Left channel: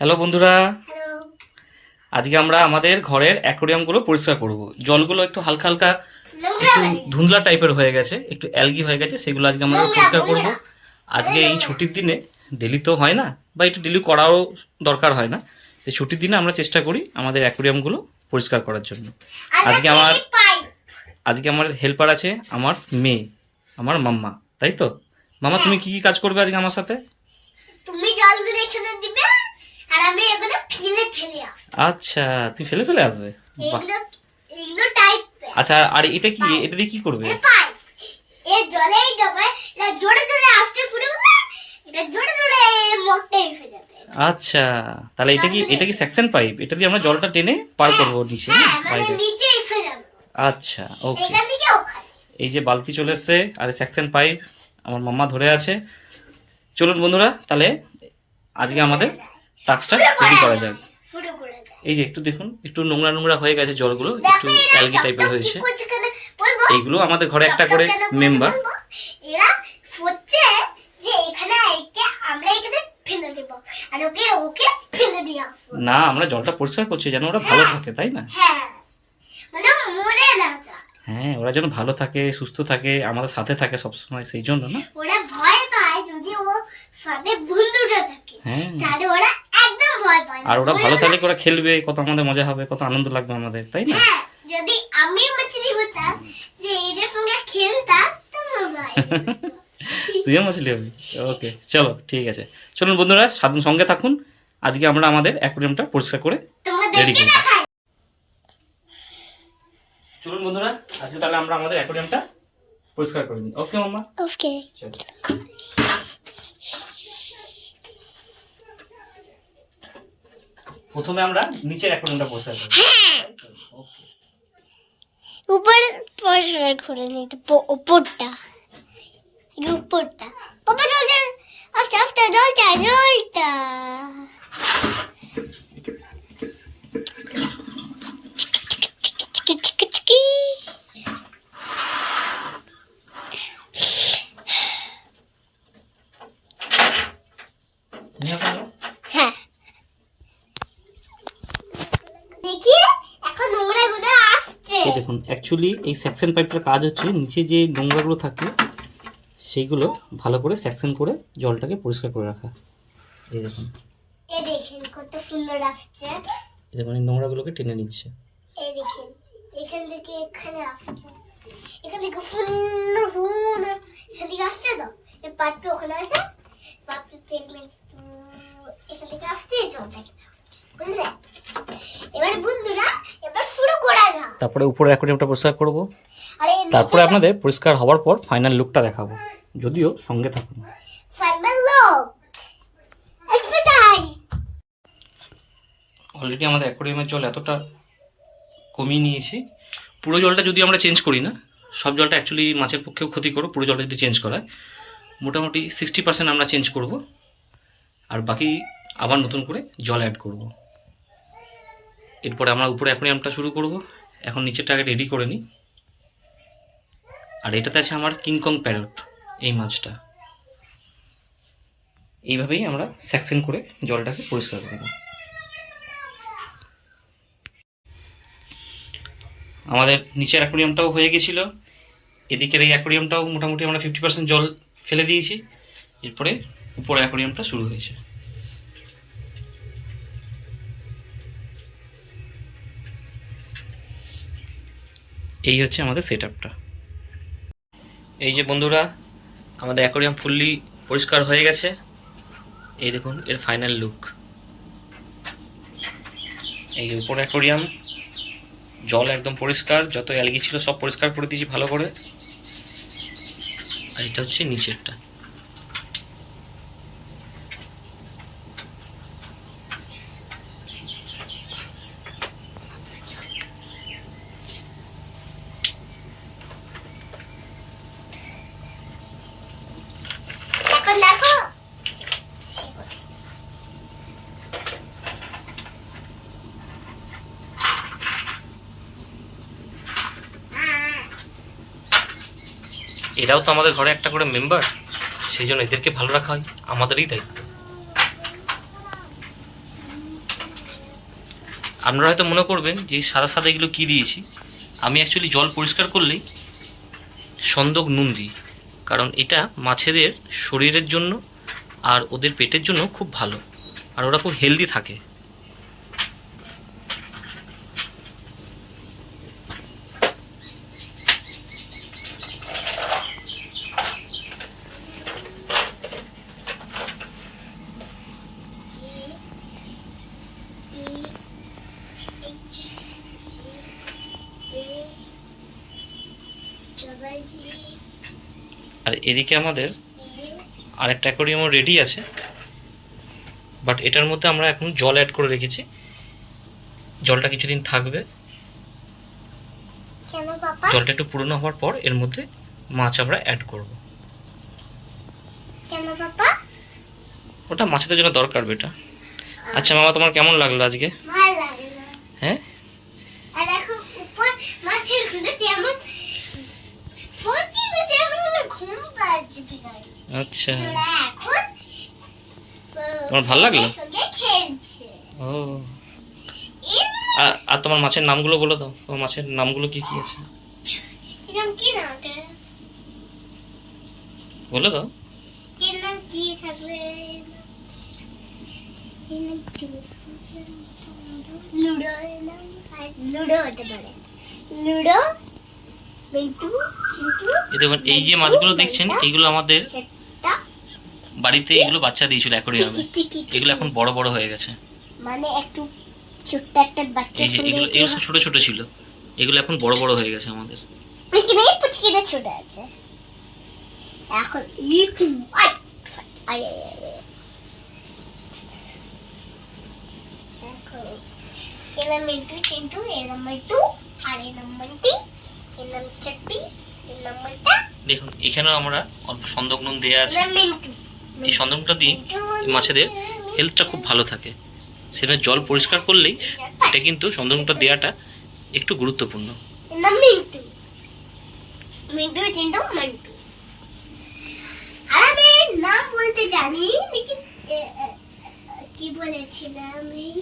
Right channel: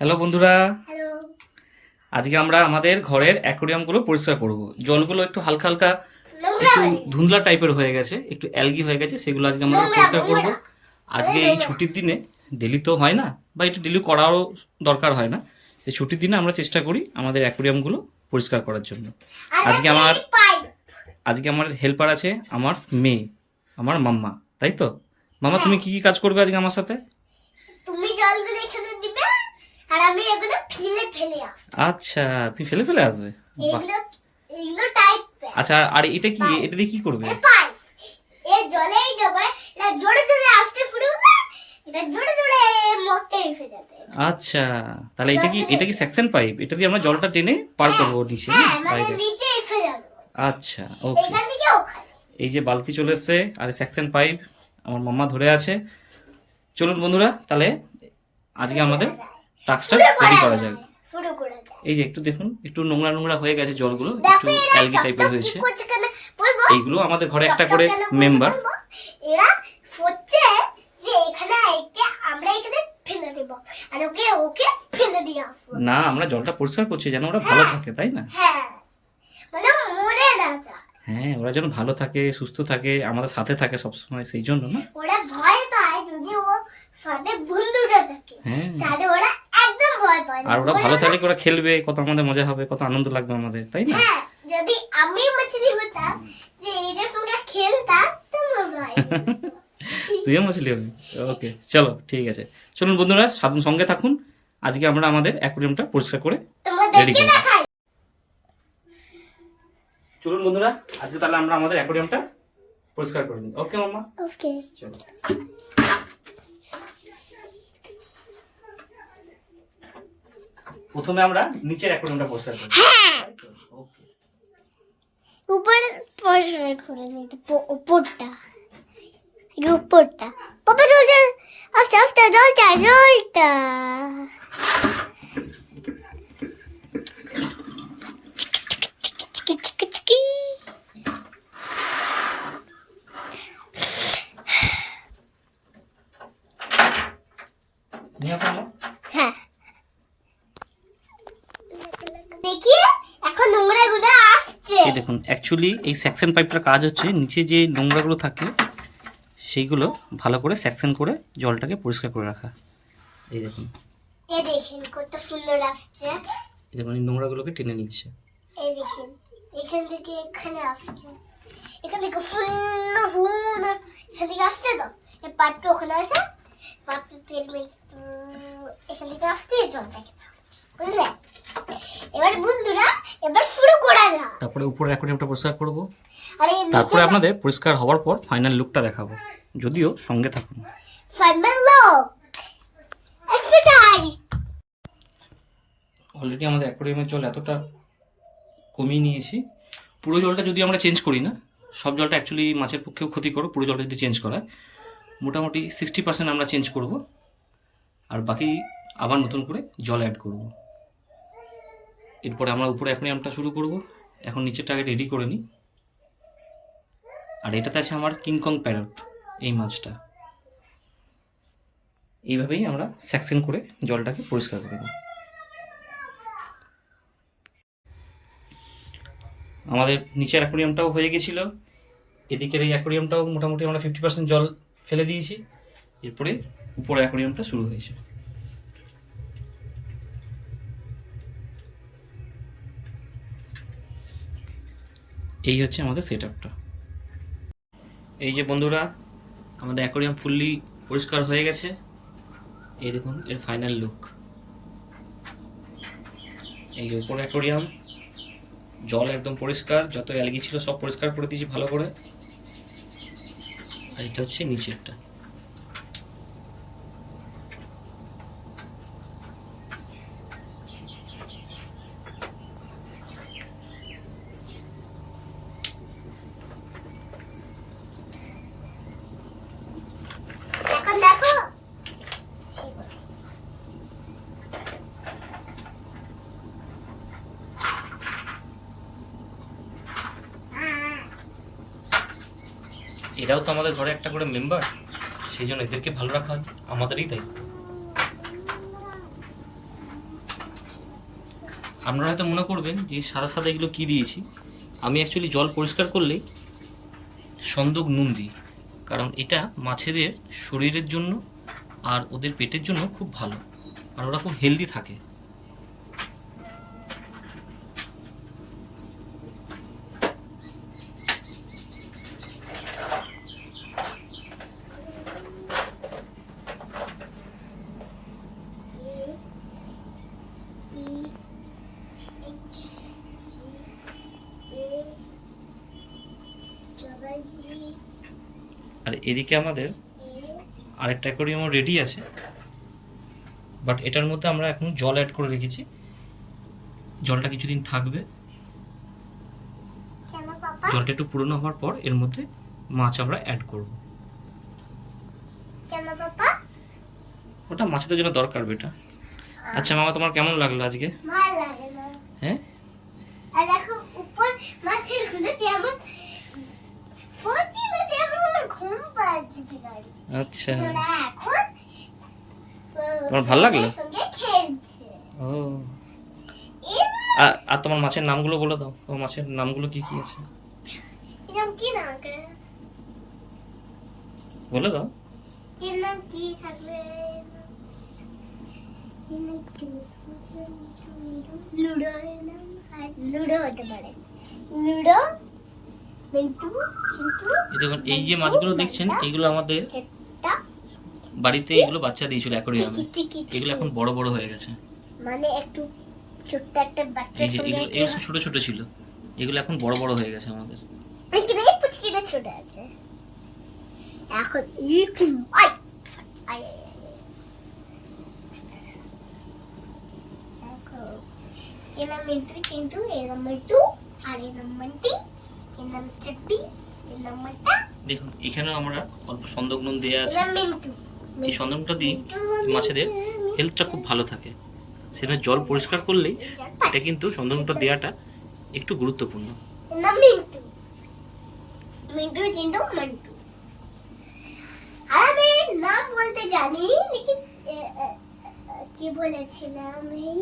Hello বন্ধুরা, hello. আজকে আমরা আমাদের ঘরের অ্যাকোরিয়ামগুলো পরিষ্কার করব। জলগুলো একটু হালকা হালকা একটু ধুন্দলা টাইপের হয়ে গেছে, একটু অ্যালগি হয়ে গেছে, সেগুলো আজকে আমরা পরিষ্কার করব। আজকে এই ছুটির দিনে, ডেলি তো হয় না বা একটু ডেলি করাও দরকার হয় না, এই ছুটির দিনে আমরা চেষ্টা করি আমাদের অ্যাকোরিয়ামগুলো পরিষ্কার করার জন্য। আজকে আমার হেল্পার আছে, আমার মেয়ে, আমার মাম্মা, তাই তো? মামা, তুমি কি কি কাজ করবে আজকে আমার সাথে? তুমি জলগুলো এখানে দিবে আর আমি এগুলো ফেলে আসবো। আচ্ছা, তুমি ফেলে ফেলে আসবে? বাহ। এগুলো এগুলো টাইপ। আচ্ছা, আর এটা কি, এটা দিয়ে কি করবে? পাইপ। এর জলেই যাবে, এটা জোরে জোরে আসতে শুরু হবে, এটা জোরে জোরে মরতে এসে যাবে। আচ্ছা, তাহলে এটা কি সেকশন পাইপ? এটা দিয়ে আমরা জলটা টেনে পার করবো নিচে, হ্যাঁ, মানে বাইরে। নিচে এসে যাবে। আচ্ছা, ওকে। এখান থেকে ওখানে। এই যে বালতি চলে এসছে আর সেকশন পাইপ আমার মাম্মা ধরে আছে। চলুন বন্ধুরা, তাহলে আজকে আমাদের টাস্কটা রেডি করা যাক। শুরু করে দাও। এই যে একটু দেখুন, একটু নোংরা নোংরা হয়ে গেছে জলগুলো, একটু অ্যালগি টাইপের হয়েছে। এইগুলো আমাদের ঘরে একটা করে মেম্বার। এরা হচ্ছে যে এখানে আমরা এখানে ফেলে দেব আর ওকে ওকে ফেলে দিয়ে আসবো। না, আমরা জলটা পরিষ্কার করছি যেন ওরা ভালো থাকে, তাই না? হ্যাঁ, মানে মরে না যায়। হ্যাঁ, ওরা যেন ভালো থাকে, সুস্থ থাকে, আমাদের সাথে থাকে সবসময়, সেই জন্য না। ওরা ভয় পায় যদি ও সাথে বন্ধুটা থাকে, হ্যাঁ, তাহলে ওরা একদম ভয় পায় না। আর ওরা ভালো থাকলে ওরা খেলবে, কত আমাদের মজা হবে, কত আনন্দ লাগবে আমাদের, তাই না? হ্যাঁ, যদি আমি মাছলি হতাম যে এদের সঙ্গে খেলতাম তো মজা আসতো। তুইও মাছলি হবি? ওকে, চলো ঠিক আছে। চলুন বন্ধুরা, সাধন সঙ্গে থাকুন। আজকে আমরা আমাদের অ্যাকোরিয়ামটা পরিষ্কার করে রেডি তোমাদেরকে করব। দেখাই। চলুন বন্ধুরা, আজকে তাহলে আমরা আমাদের অ্যাকোরিয়ামটা পরিষ্কার করে নিই। ওকে মাম্মা, ওকে। চলো। প্রথমে আমরা নিচের অ্যাকোরিয়ামটা পরিষ্কার করব। হ্যাঁ, ওকে। উপরে পরিষ্কার করে নিতে উপরটা উপরটা পাপা জল জল আস্তে আস্তে জলটা জলটা চিকি চিকি চিকি। নিয়ে আসো। হ্যাঁ, দেখি এখন নোংরা গুলো আসছে। এই দেখুন, অ্যাকচুয়ালি এই সেকশন পাইপটার কাজ হচ্ছে নিচে যে নোংরাগুলো থাকে সেইগুলো ভালো করে সেকশন করে জলটাকে পরিষ্কার করে রাখা। এই দেখুন, এই দেখেন কত সুন্দর আসছে। এই দেখুন, এই নোংরাগুলোকে টেনে নিচ্ছে। এই দেখেন এখান থেকে এখানে আসছে, এখান থেকে সুন্দর সুন্দর এখান থেকে আসছে তো এই পাইপটা ওখানে আছে, পাইপটা তেল মেরে এখান থেকে আসছে, জলটা এখানে আসছে, বুঝলে? এবার বন্ধুরা এবার শুরু করা যাক। তারপরে উপরে অ্যাকোরিয়ামটা পরিষ্কার করব, আর এই তারপরে আপনাদের পরিষ্কার হওয়ার পর ফাইনাল লুকটা দেখাবো, যদিও সঙ্গে থাকুন। Final look exercise. অলরেডি আমাদের অ্যাকোরিয়ামের জল এতটা কমিয়ে নিয়েছি। পুরো জলটা যদি আমরা চেঞ্জ করি না, সব জলটা অ্যাকচুয়ালি মাছের পক্ষেও ক্ষতিকর। পুরো জলটা যদি চেঞ্জ করা হয়, মোটামুটি 60% আমরা চেঞ্জ করব, আর বাকি আবার নতুন করে জল অ্যাড করব। এরপরে আমরা উপরে অ্যাকোরিয়ামটা শুরু করব। এখন নিচেরটা আগে রেডি করে নিই। আর এটাতে আছে আমার কিংকং প্যারট, এই মাছটা। এইভাবেই আমরা সেকশন করে জলটাকে পরিষ্কার করে নিই। আমাদের নিচের অ্যাকোরিয়ামটাও হয়ে গেছিলো, এদিকের এই অ্যাকোরিয়ামটাও মোটামুটি আমরা 50% জল ফেলে দিয়েছি। এরপরে উপরে অ্যাকোরিয়ামটা শুরু হয়েছে। এই হচ্ছে আমাদের সেট আপটা। এই যে বন্ধুরা, আমাদের অ্যাকোরিয়াম ফুললি পরিষ্কার হয়ে গেছে। এই দেখুন এর ফাইনাল লুক। এই যে উপরে অ্যাকোরিয়াম, জল একদম পরিষ্কার, যত অ্যালগি ছিল সব পরিষ্কার করে দিয়েছি ভালো করে। আর এটা হচ্ছে নিচেরটা। এখন দেখো এরাও তো আমাদের ঘরে একটা করে মেম্বার, সেই জন্য এদেরকে ভালো রাখা হয় আমাদেরই দায়িত্ব। আপনারা হয়তো মনে করবেন যে সাদা সাদা এগুলো কী দিয়েছি। আমি অ্যাকচুয়ালি জল পরিষ্কার করলেই সন্দক নুন দিই, কারণ এটা মাছেদের শরীরের জন্য আর ওদের পেটের জন্য খুব ভালো, আর ওরা খুব হেলদি থাকে। আর এদিকে আমাদের আরেকটা অ্যাকোয়ারিয়ামও রেডি আছে, বাট এটার মধ্যে আমরা এখন জল অ্যাড করে রেখেছি। জলটা কিছুদিন থাকবে, কেন পাপা? জলটা একটু পুরনো হওয়ার পর এর মধ্যে মাছ আমরা অ্যাড করব। কেন পাপা? ওটা মাছেদের জন্য দরকার বেটা। আচ্ছা মামা, তোমার কেমন লাগলো আজকে? ভালো লাগে না। হ্যাঁ, আর দেখো উপর মাছের গুলো কেমন ফোনছিল, যেমন ঘুম পাচ্ছে বিড়ালি। আচ্ছা, ওরা এখন তোমার ভালো লাগলো? সঙ্গে খেলছে। ও, এর আর তোমার মাছের নামগুলো বলে দাও। তোমার মাছের নামগুলো কি কি আছে এরকম কি না ওটা? বলে দাও। এর নাম কি থাকবে? লুডো, লুডো হতে পারে। লুডো, মিন্টু, চিন্টু। এই দেখুন, এই যে মাছগুলো দেখছেন, এইগুলো আমাদের চেট্টা, বাড়িতে এগুলো বাচ্চা দিয়েছিল অ্যাকোয়ারিয়ামে। টিকি, এগুলো এখন বড় বড় হয়ে গেছে। মানে একটু ছোট্ট একটা বাচ্চা এই যে এগুলো এগুলো সব ছোট ছোট ছিল, এগুলো এখন বড় বড় হয়ে গেছে আমাদের। এখানে পুচকিটা ছোট আছে। এখন ইরকম আই আই দেখো, এর মিন্টু চিন্টু, এর নাম্বার 2 আর এর নাম্বার 3, এর নাম চাট্টি, এর নাম্বারটা দেখুন এখানেও আমরা অল্প সন্দক নুন দেওয়া আছে। এর মিন্টু। এই সন্দকটা দিয়ে মাছেদের হেলথটা খুব ভালো থাকে। সেটা জল পরিষ্কার করলেই এটা কিন্তু সন্দকটা দেওয়াটা একটু গুরুত্বপূর্ণ। এর নাম মিন্টু। মিন্টু চিন্টু মিন্টু। আর আমি নাম বলতে জানি, লেকিন কি বলেছিলাম এই